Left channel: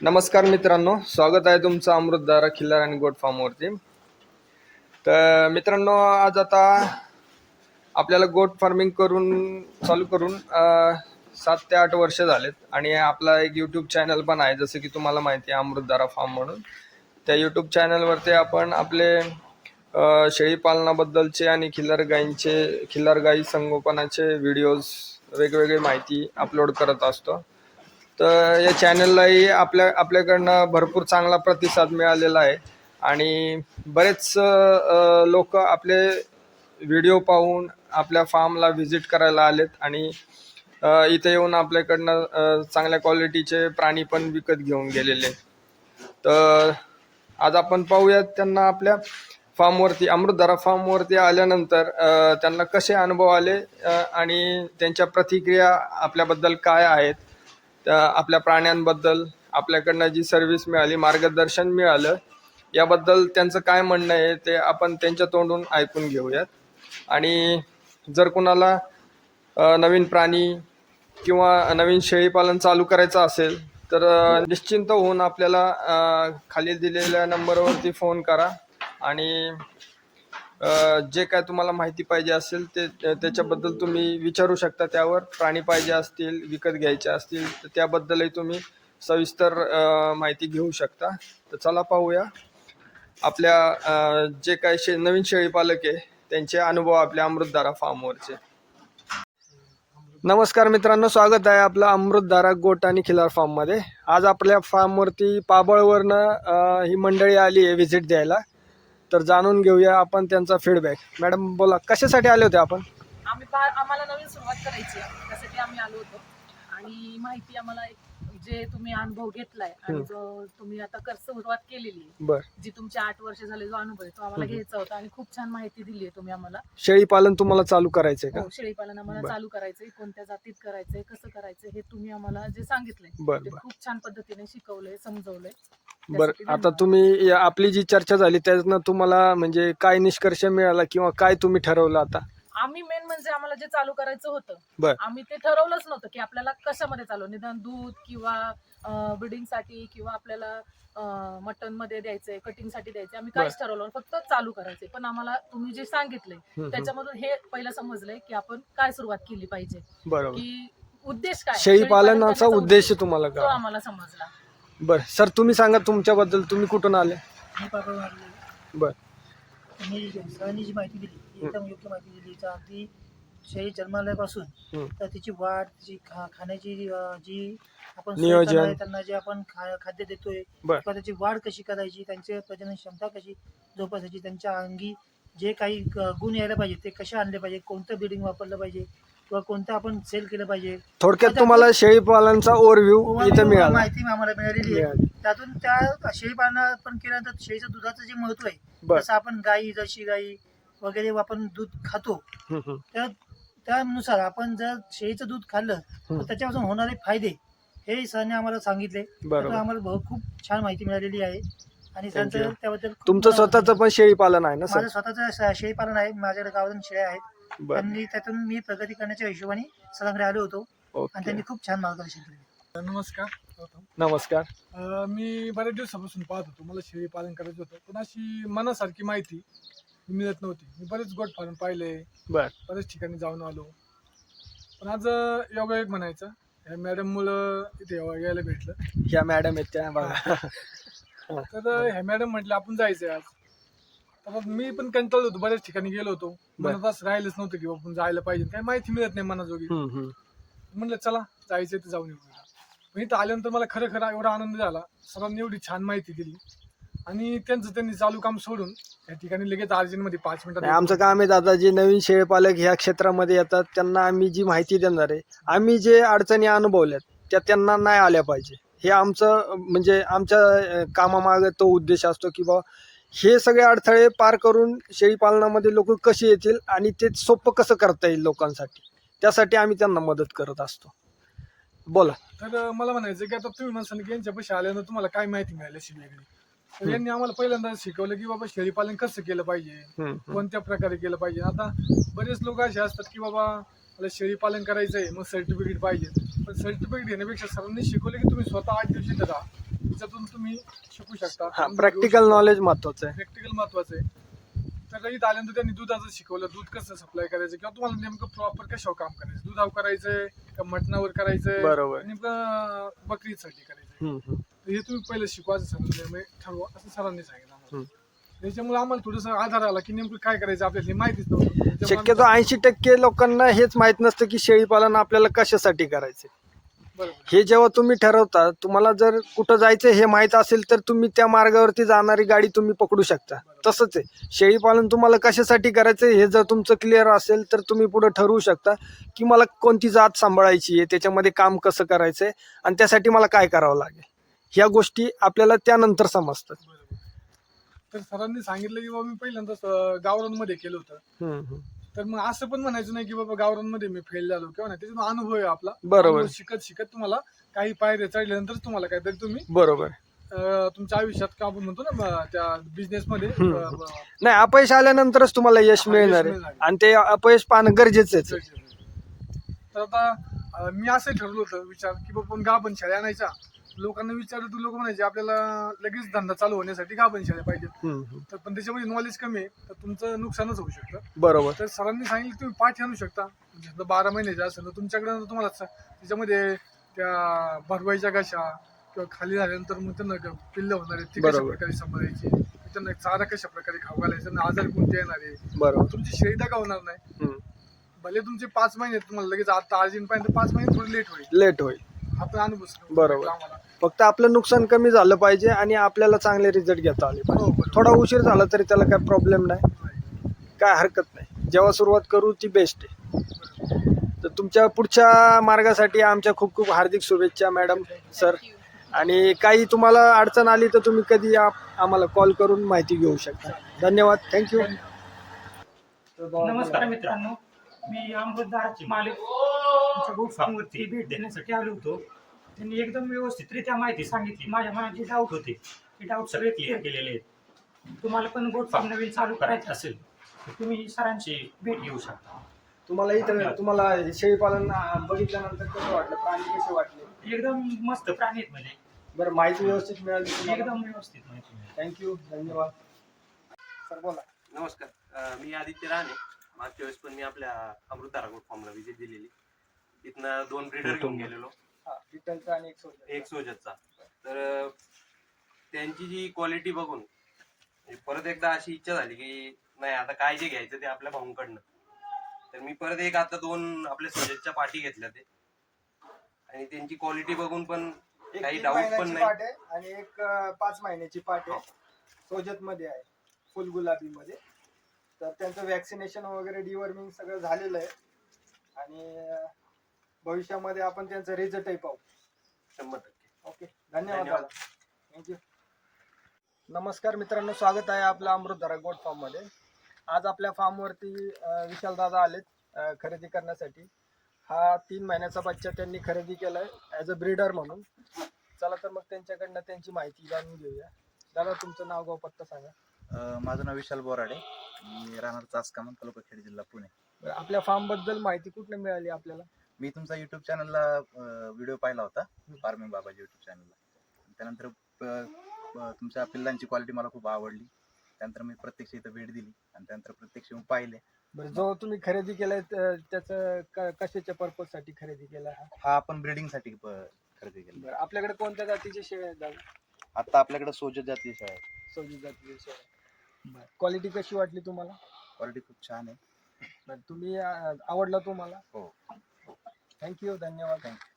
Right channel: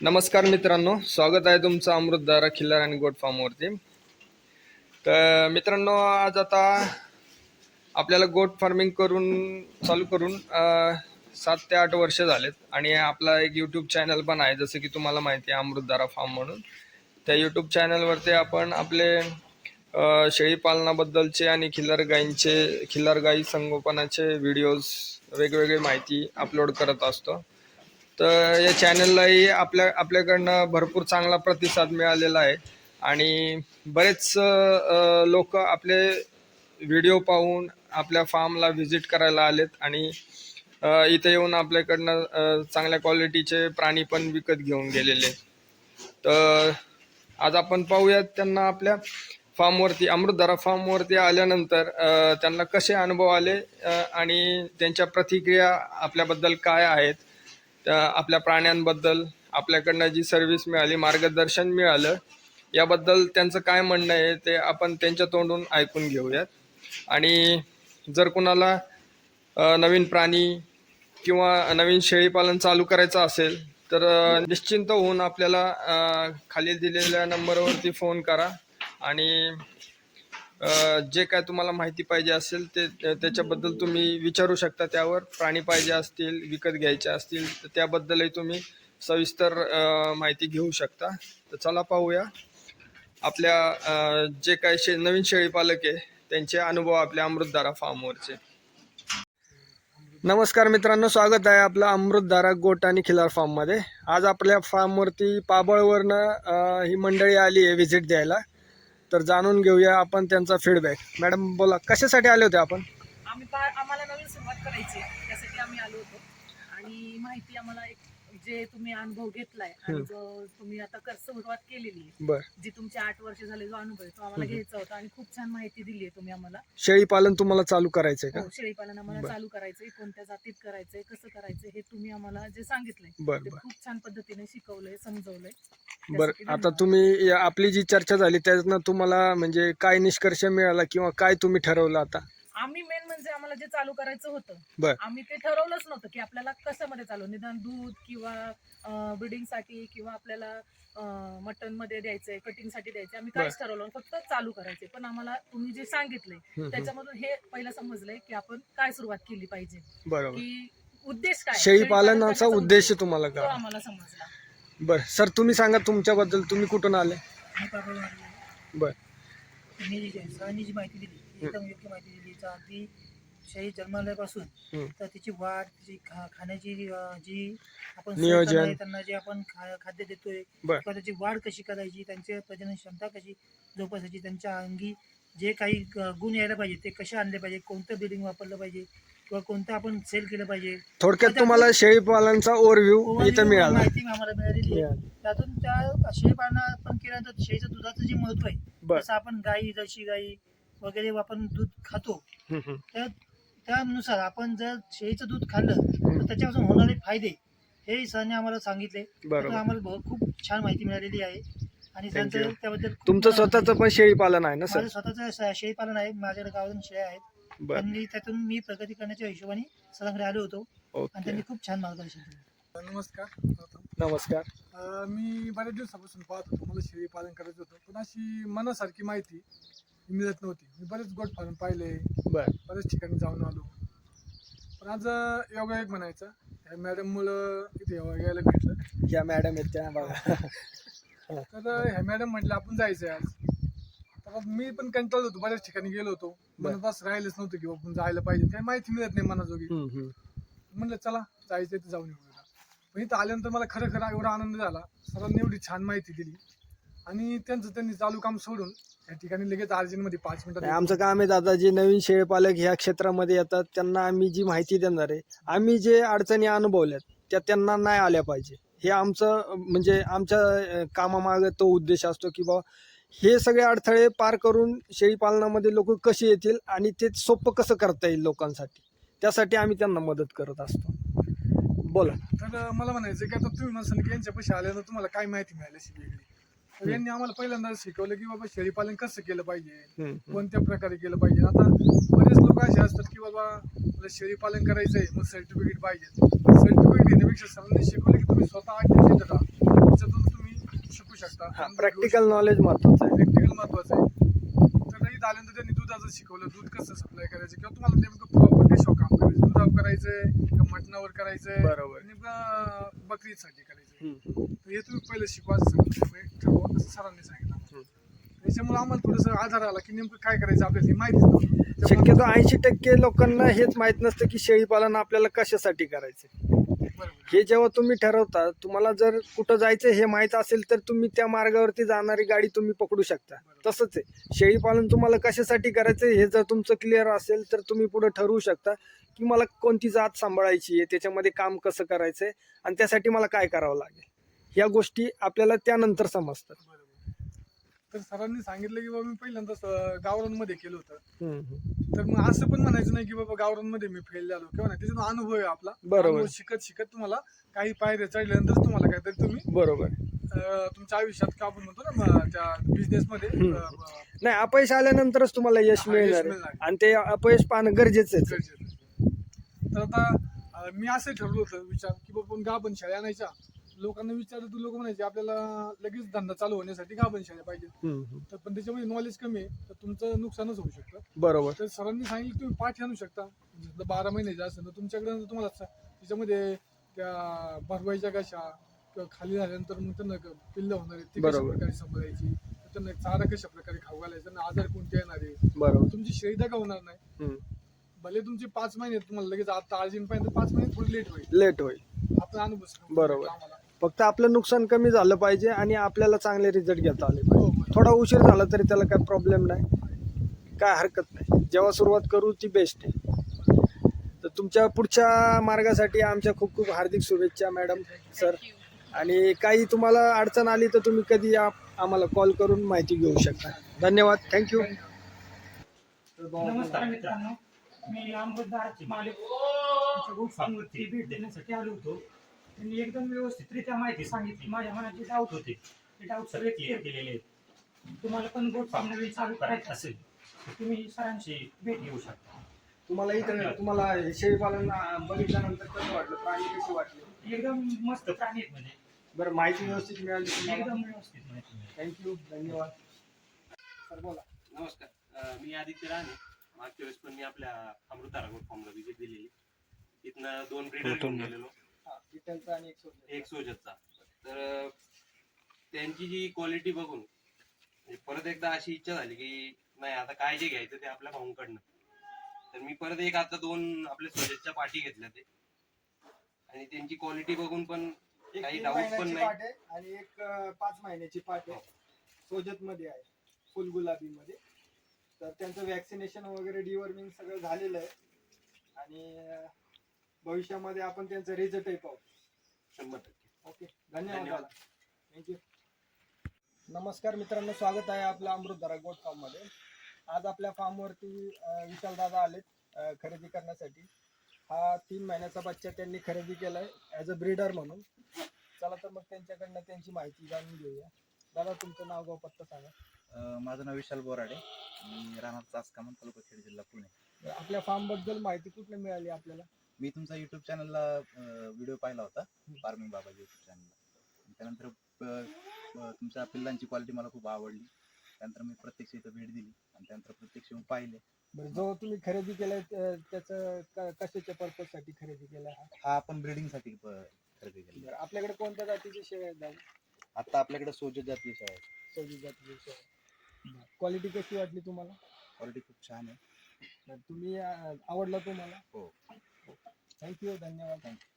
नमस्कार मित्रांनो, स्वागत आहे तुमचं अमृतधारा खिल्लार आणि गोट फार्मवरती. तर मित्रांनो, आज आता आपल्याला गोट फार्मिंग चालू करून 7 ते 8 वर्ष झालेत आणि आपला एक यूट्यूब चॅनल पण आहे, जसं की तुम्हाला माहिती आहे अमृतधारा फार्म म्हणून. त्या यूट्यूब चॅनलवरती आपण आपले शेळी पालनाबद्दलचे आणि खिल्लार गाई संगोपनाचे व्हिडिओज, वेगवेगळी माहिती अपलोड करत असतो. तर या चॅनललाही आपल्याकडनं भरपूर चांगला प्रतिसाद मिळालेला आहे आणि बरेच लोक आपले व्हिडिओ पाहून आपल्या फार्मला व्हिजिट करायला आलेत आणि इथे येऊन आपल्याकडनं चांगल्या क्वालिटीचे प्राणी पण विकत घेऊन गेलेले. तर आज आपण पाहूयात त्यांना आपल्या फार्मवरती, अमृतधारा फार्मवरती आल्यानंतर त्यांना कसे अनुभव आले आणि त्यांच्या प्रतिक्रिया आपल्याबद्दल काय आहेत, आपल्या प्राण्यांबद्दल आपल्याकडनं जी सर्व्हिस मिळाली, मार्गदर्शन मिळालं, याबद्दल त्यांचं काय म्हणणं आहे ते आपण त्यांच्या तोंडून ऐकून घेऊयात. आणि जर कुणाला नवीन प्राणी किंवा नवीन शेळीपालन चालू करायचं असेल तर निश्चिंत होऊन आपल्याला खाली दिलेल्या नंबरवरती फोन करा आणि जे काय तुम्हाला माहिती पाहिजे असेल ते त्याच्याबद्दल तुम्ही विचारू शकता. त्यावर प्राणी पाहिजे असतील, विकत घ्यायचे असतील तर त्याबद्दलही तुम्ही सविस्तर माहिती घेऊ शकता. तर चला पाहूया आपल्या जे काय नवीन शेळीपालक आहे त्यांचे अनुभव आपल्या अमृतधारा फार्मवरचे. नमस्कार मित्रांनो, स्वागत आहे आपलं अमृतधारा गोट आणि खिल्लार फार्ममध्ये. आज आपल्या फार्मवरती पाबळवरनं ही मंडळी आली आहे व्हिजिट द्यायला. तर जाणून घेऊया आपण त्यांचा फीडबॅक. मॅडम बोला, कशासाठी आले होते आपण? आम्हाला नवीन सुरुवात करायची आहे, त्यासाठी आम्ही आलो होतो. आणि माहिती आम्हाला जे तुम्ही अनुभव घेतलाय आणि जो तुम्ही आता सुरुवात केलेली आहे, जी तुमची 8 वर्ष झाले जो अनुभव आहे तो आम्हाला घ्यायचा होता आणि खूप छान माहिती दिली आहे तुम्ही आम्हाला. शेळीपालन तुम्हाला चालू करायचंय का? हो, शेळीपालन आम्हाला चालू करायचंय. कोणत्या जातीत करायचंय, कसं करायचंय हे तुम्ही आम्हाला जे सांगितलंय ते खूप छान पद्धतीने शिकवलंय, समजवलंय. बरं, आता तुम्ही आपली जी चर्चा झाली त्यातनं तुम्हाला म्हणजे काय निष्कर्ष मिळाला किंवा काय तुम्ही ठरवलं? आता आम्ही मेन म्हणजे आम्हाला जे चालू करायचं होतं, आम्ही ते ठरवलंच नव्हतं की आपल्याला कशामध्ये चालू, निदान दूध किंवा ब्रीडिंगसाठी किंवा आपल्याला मटन मध्ये द्यायचंय, कटिंग साठी द्यायचंय, आम्ही काहीच ठरवलं, फक्त चालू करायचंय. पण आम्हाला तुम्ही जे सांगितलंय त्याच्यामधून हे पहिलं समजलंय की आपण काय सुरुवात केली पाहिजे, की उद्देश काय, शेळीपालनाचा उद्देश तुम्हाला तो काय आम्हाला समजला. बरं सर, तुम्ही सांगा तुमच्याबद्दल. तुम्ही कुठून आले? बर, त्यांनी सरांनी जी माहिती दिली ती एकदम योग्य माहिती दिली. अगदी शेळी जन्माल्यापासून तर तिची वाढ, तिची खाण्याची जी आपण नियोजन आहे, त्यांना जे आपण खाद्य देतोय किंवा त्याची वाढ कशी करायची, त्यांची प्रजनन क्षमता कशी जोपासायची, त्यांच्या अंगी जे काही गुण यायला पाहिजे ते कसे आणले पाहिजे, कोणतं ब्रीडिंग वापरलं पाहिजे किंवा कोणतं आपण सेल केलं पाहिजे, थोडक्यात तुम्हाला शेळीपालनाचा ओव्हरव्ह्यू इथे मिळाला, माहिती आम्हाला मिळालेली आहे. त्यातून त्या शेळीपालन पण केल्यानंतर शेळीचं दुधाचं जे महत्व आहे, जसं आपण गाई, जर्सी गाई वगैरे आपण दूध खातो, तर त्यानुसार आपण जर शेळीचं दूध खाल्लं तर त्याच्यापासून होणारे फायदे हे सरांनी आम्हाला सांगितले. आम्हाला खूप छान माहिती मिळालेली आहे आणि सरांचं त्याबद्दल. तुमचं स्वतःचं पण शेळीपालन आहे ना? माझं स्वतःचं शेळीपालन आहे, माझ्याकडे गावातून शेळ्या आहेत. त्यांनी त्यातून मी प्रगती करण्याच्या हिशोबाने सरांकडे आलो होतो आणि त्यांनी खूप छान मार्गदर्शन केलं. नमस्कार. मी बऱ्याच दिवसापासून पाहत होतो, मला शेळी पालन करायचं होतं, पण अशी मनासारखी माहिती मिळत नव्हती. मी बरेच गोट फार्म पाहिले, बऱ्याच ठिकाणी जाऊन आलो, पण आज योगायोग म्हणायचं ह्या मॅडम मुलं इथे यायला भेटलं. ह्या मॅडम आहेत त्या बघा. तर ह्या मॅडम म्हटलं आपण जायचंय आज. तर मी पण कंटाळलो होतो, बऱ्याच ठिकाणी गेलो होतो, मनात असं राहिलंच नव्हतं की आपण जायला पाहिजे, काही माहिती मिळत नाही मनाजोगी. म्हटलं चला जायचंय तर जाऊन येऊ. पण इथं आल्यानंतर मला खरं एवढा आनंद झाला. सरांनी एवढी छान माहिती दिली आणि त्यांनी चालू काम सोडून या ठिकाणी लगेच अर्जंटमध्ये 5 मिनिटात आमचं काम आहे दादा, जे नवीन शेळीपालक ह्या क्षेत्रामध्ये येतात त्यांना आम्ही जी माहिती देणार आहे, आम्ही जे अडचणी अनुभवल्यात त्या त्यांना नाही आल्या पाहिजे. हे आमचं म्हणजे आमच्या कामामागे तो उद्देश असतो की बा हे सगळे अडथळे पार करून शेळीपालनामध्ये लोक कशी येतील आणि ते सोपं कसं करता येईल लोकांसाठी, त्यासाठी आम्ही त्यांना मदत करत असतो. बोला. तर मला म्हणायचं की आता तुम्ही म्हणसान की यांच्या पैसे आल्यानंतर तुम्हाला काय माहिती मिळाली अशी वेगळी, तर यांनी आम्हाला पहिल्यांदा शिकवलं की बाबा शेळीपालन कसं केलं पाहिजे, कोणत्या प्रकारे केलं पाहिजे. आता बरेच लोक असे असतात की बाबा मला शेळीपालन करायचंय, मग सर्टिफिकेट पाहिजे. सर्टिफिकेट घेण्यापेक्षा सरांनी शिकवलं की तुम्ही स्वतः 8 दिवस इथे राहा, शकता. हा, अनुभव घेऊ प्रॅक्टिकल शकता. नॉलेज महत्वाचं आहे. प्रॅक्टिकल महत्वाचं आहे. तर इथं आल्यानंतर त्यांनी दुधाचं शिकवलं, दूध कसं सप्लाय करायचं किंवा तुम्हाला नेमकं प्रॉपर कशावर काम करायचं, दुधावर करायचंय का मटणावर करायचंय, बरोबर. नेमकं बकरीसाठी करायचंय. हम्म. तर हे तुम्ही पहिलं शिकवायचं सांगितलं, ठरवा असं सरांनी सांगितलं आम्हाला. त्याच्यामुळे आम्हाला थोडंसं आधार आला की नेमकं काय करायचं आपल्याला हे माहितीच नव्हतं. त्याच्यामुळे शक्यतो आम्हाला 80% लोकांना हेच माहित नसतं की शेळीपालन आपल्याला कशासाठी करायचे. बरोबर. हे जेव्हा तुम्ही ठरवता, तुम्हाला जर कुठं जायचं हे माहित असेल तर तुम्ही त्या मार्गावरती जाणारी गाडी तुम्ही पकडू शकता. तसंच आहे, शेळीपालन तुम्हाला कशासाठी करायचं हे जर तुमचं क्लिअर असेल तर तुम्ही पुढे ठरवू शकता की मला कोणती जात सांभाळायची आहे, त्याच्यामध्ये काम कसं करायचंय आणि त्यासाठी मला काय करावं लागेल. ह्या गोष्टी आपल्याला त्यानंतर समजतात. बरोबर. तर सरांनी सांगितलं की बाबा मी पहिल्यांदा गावरानमध्ये केलं होतं. तर मग असं पण म्हणायचं नाही की बाबा गावरानमध्ये मी फेल झालो किंवा नाही, त्याच्यात अनुभव आहे आपला. बरोबर. अनुभव शिकत तुम्हाला काही पायऱ्या चढल्यानंतर तुम्हाला काहीतरी तुम्ही बरोबर. तुमच्या आयुष्यात का आपण म्हणतो ना त्या बिझनेस मध्ये नाही, अपयश आल्यानंतरच तुम्हाला यश मिळणार आहे आणि ते अपयश पाहणं गरजेचं आहे. तर आता मी असं ठरवलं होतं विचार की बाबा गाभण शेळ्या आणायच्या. लोकांना विचारलं तर लोक म्हणायचे आपल्याला लगेच धंदा चालू होण्यासाठी गाभण शेळ्या पाहिजे. तर पण त्याच्यामध्ये नॉलेज कमी आहे तर तुमचं नुकसानच होऊ शकतं. बरोबर. तर सरांनी सांगितलं तुम्ही पाठी आणू शकता, म्हणजे समजा 12 महिन्याचे असेल तर तुमच्याकडे तुम्हाला त्याच्यामध्ये त्या भरवायच्या कशा किंवा खाली झाल्यानंतर मग त्यांना पिल्लं होणार आहे ती कशा बरोबर. प्रकारे सांभाळायची, त्यांना चारा कशा प्रकारे खाऊ घालायचा आणि आजार कोणते येणार आहे, बरोबर. तुमची शेळी दगा होणार नाही. भले तुमचे 5 महिने तुम्हाला लगेच आता अर्जंट पाहिजे 5 महिने थोडं लेट होईल. आपला अनुभव बरोबर. आम्हाला फक्त आपलं नुकसान कमी झालं पाहिजे आणि आपल्याला चांगले रिझल्ट घेता आले पाहिजे. बरोबर. थोडा उशीर झाला तरी त्याला काही प्रॉब्लेम नाही, काय हरकत नाही. जेव्हा सुरुवात करू ती बेस्ट आहे. तर तुमच्या पुढच्या मार्गासाठी आमच्या खूप खूप हार्दिक शुभेच्छा मॅडम, सर. आणि काही तुम्हाला अडचण आली तर तुम्ही कधी आम्हाला कॉल करून माहिती घेऊ शकता. धन्यवाद. थँक्यू. नमस्कार मित्रांनो, मी अमृतधाराचे मालिक आमच्या गोष्टींवरती भेट देण्यासाठी आलो होतो. त्यांनी एकदम व्यवस्थितरित्या माहिती सांगितली. माझ्या मनात जे डाऊट होते ते डाऊट सगळे क्लिअर केलेले आहेत. तुम्हाला पण गोट फार्म नवीन चालू करायचं असेल तर तुम्ही सरांची भेट घेऊ शकता. तुम्हाला शेळीपालन बघितल्यानंतर कसं वाटलं, प्राणी कसे वाटले? एकदम मस्त प्राणी आहेत म्हणजे बरं, माहिती व्यवस्थित मिळाली तुम्हाला? एकदम व्यवस्थित माहिती मिळाली. थँक्यू. धन्यवाद. सर बोला. नमस्कार, मी आदित्य राणे. मागच्या वेळेस पण मी आपल्या अमृतधारा गोट फार्मला व्हिजिट दिलेली. तिथनं 2 ब्रीडर घेऊन गेलेलो, डिटेलचा आणि एक सोजतचा. तर त्यांची जी क्वालिटी बघून परत एकदा अशी इच्छा झाली की नाही आता काय जे घ्यायचं ते आपल्या भाऊंकडनं. तर मी परत आता 2 आपल्या सोजतच्या पाठी घेतल्या ते, आणि त्यांची क्वालिटी बघून पण काही डाऊट पण नाही. आणि एक 5 महिन्याची पाट आहे, सोजत मध्ये आहे, फुल गुलाबी मध्ये. तर त्यांचं वॅक्सिनेशन वगैरे डिवर्मिंग सगळं झालेलं आहे आणि भविष्यामध्ये आपण त्यांचा रिझल्टही पाहू. 100%. ओके, धन्यवाद. थँक्यू. नमस्कार मित्रांनो, स्वागत आहे आपलं अमृतधारा गोट फार्म मध्ये. आज आपल्या फार्मवरती विशाल दादा आलेत खरेदी करण्यासाठी. हा 3 महिन्याचा बच्चा त्यांनी खरेदी केलाय ॲज अ ब्रीडर म्हणून. चला तर मग त्यांच्याकडनं त्यांची माहिती जाणून घेऊया. दादा, तुमचं नाव गाव पत्ता सांगा. माझं नाव विशाल बोराडे, मी राहणार चासकामन, तालुका खेड, जिल्हा पुणे. आपल्या फार्म बद्दल माहिती कुठे मिळाली आपल्याला? मी तुमचा युट्यूब चॅनलला व्हिडिओ पाहिला होता, फार्मिंग बाबाजी युट्यूब चॅनलला. त्यानंतर तुमच्या पिल्लांची क्वालिटी मला खूप आवडली. त्यानंतर मी प्रत्यक्ष इथं भेट दिली आणि त्यानंतर प्रत्यक्ष पाहिले. बरं, जो तुम्ही खरेदी केलाय त्याचं कशाच्या पर्पज साठी खरेदी केला? हा आपण ब्रीडिंगसाठी खरेदी केला. आपल्याकडे कोणत्या जातीचे शेळ्या आहेत दादा? आता आपल्याकडे सोजत जातीय आहे. सोजत जातीचे शेळ्या. क्वालिटी कशी वाटली तुम्हाला? क्वालिटी खूप छान आहे. तुम्ही आवडला तुम्हाला? हो. थँक्यू. धन्यवाद. थँक्यू.